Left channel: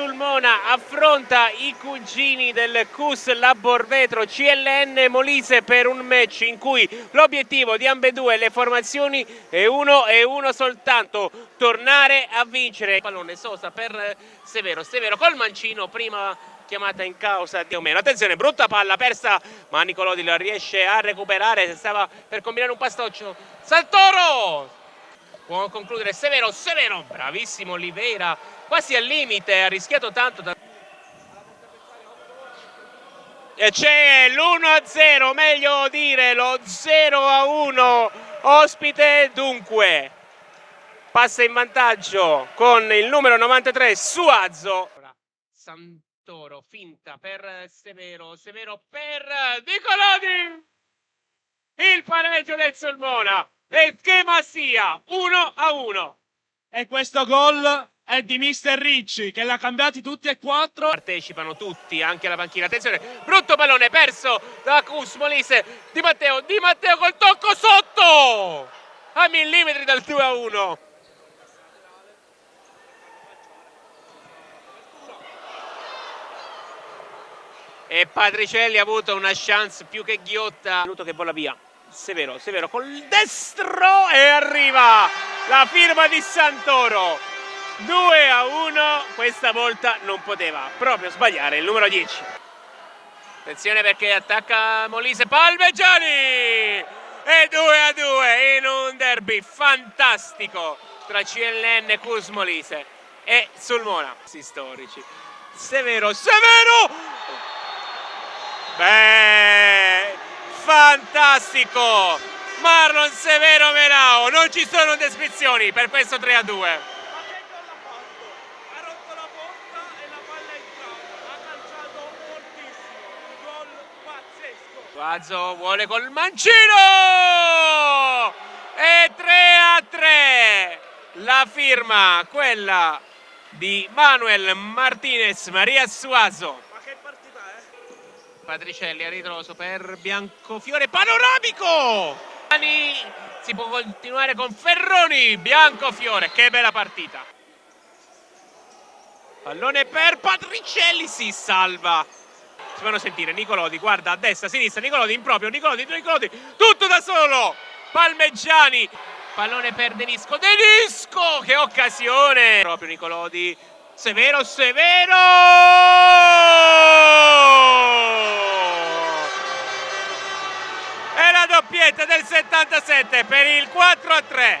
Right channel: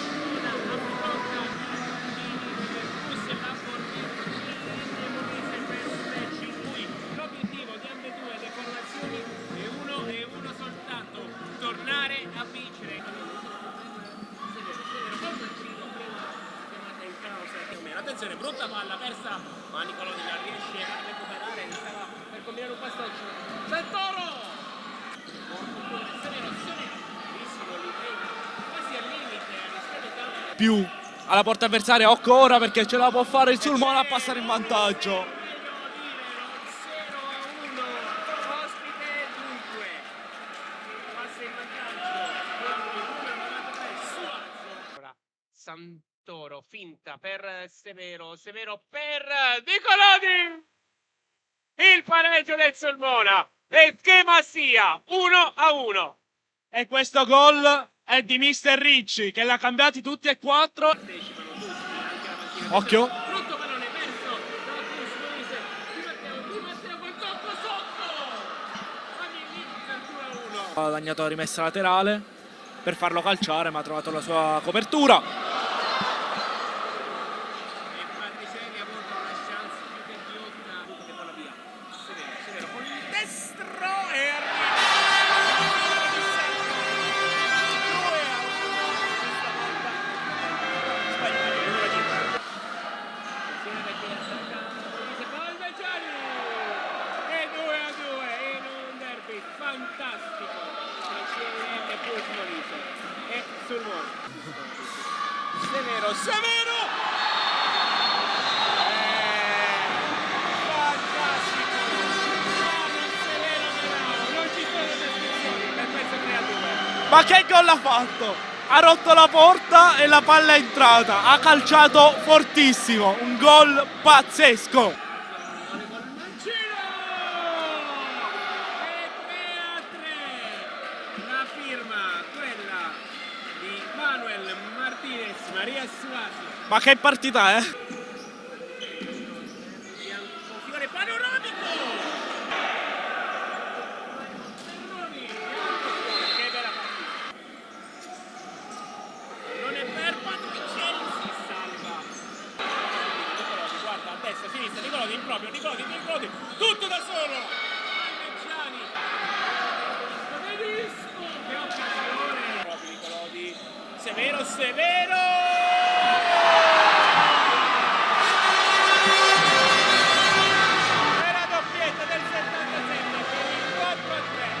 Sulmona affronta i cugini del CUS Labor Vetro CLN Molise per un match in cui l'obiettivo di ambedue le formazioni è uno soltanto: tornare a vincere. Pallone Sosa per Severo, Severo col mancino, prima chiamata in causa di Omero. Attenzione, brutta palla persa, ma Nicolodi la riesce a recuperare, stava per combinare un passaggio. Santoro può concludere. Severo, Severo, bravissimo Oliveira, quasi al limite, ha rischiato tanto più alla porta avversaria. Occhio ora perché ce la può fare il Sulmona. C'è l'1-0, meglio dire lo 0-1 ospite. Dunque passa in vantaggio con il numero 93 Suazo. Santoro finta per Severo, Severo per Nicolodi, il pareggio del Sulmona e che ma sia 1-1. E questo gol è di Mister Ricci, che l'ha cambiati tutti e quattro. Partecipano tutti, anche la panchina. Attenzione, Occhio. brutto pallone perso da CUS Molise. Di Matteo col tocco sotto a millimetri dal 2-1. Ha guadagnato la rimessa laterale per farlo calciare, ma ha trovato la sua copertura. E Patricelli ha avuto una chance più che ghiotta. Minuto che vola via. Severo, Severo col destro e arriva la firma di Santoro. 2-1, questa volta non poteva proprio sbagliare il numero 10. Attenzione perché attacca Molise, Palmegiani e 2-2 in un derby fantastico tra CLN, CUS Molise e Sulmona. Storici. Severo, Severo! Fantastico! Marlon Severo Menao, non ci sono descrizioni per questo 3-2. Ma che gol ha fatto? Ha rotto la porta e la palla è entrata. Ha calciato fortissimo. Un gol pazzesco. Suazo vuole col mancino! E 3-3. La firma, quella di Manuel Martinez Maria Suazo. Ma che partita, eh? Patricelli a ritroso per Biancofiore, panoramico! Si può continuare con Ferroni, Biancofiore, che bella partita. Pallone per Patricelli, si salva. Fanno sentire Nicolodi, guarda a destra, a sinistra, Nicolodi in proprio, Nicolodi, tutto da solo. Palmegiani, pallone per Denisco, che occasione! Proprio Nicolodi, Severo, doppietta del 77 per il 4-3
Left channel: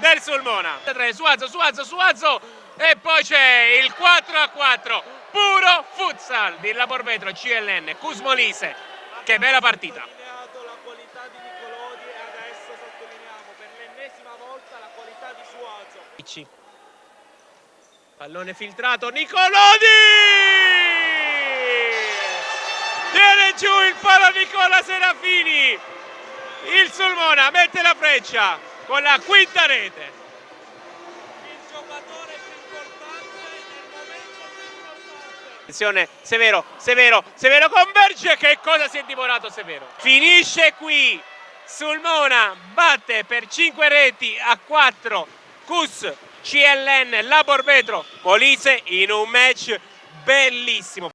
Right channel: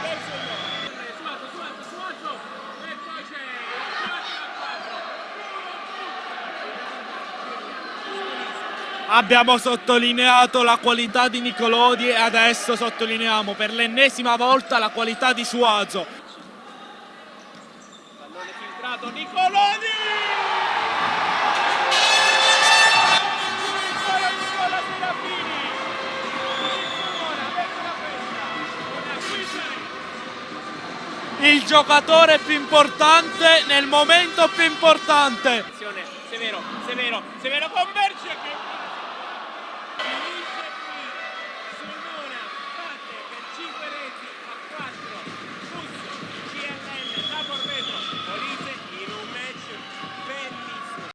del Sulmona. Suazo e poi c'è il 4-4, puro futsal di Labor Vetro CLN CUS Molise. Abbiamo sottolineato la qualità di Nicolodi e adesso sottolineiamo per l'ennesima volta la qualità di Suazo. Pallone filtrato, Nicolodi! Viene giù il palo Nicola Serafini. Il Sulmona mette la freccia con la quinta rete. Il giocatore più importante nel momento più importante. Attenzione, Severo converge. Che cosa si è divorato Severo? Finisce qui. Sulmona batte per 5 reti a 4 CUS CLN Labor Vetro Molise in un match bellissimo.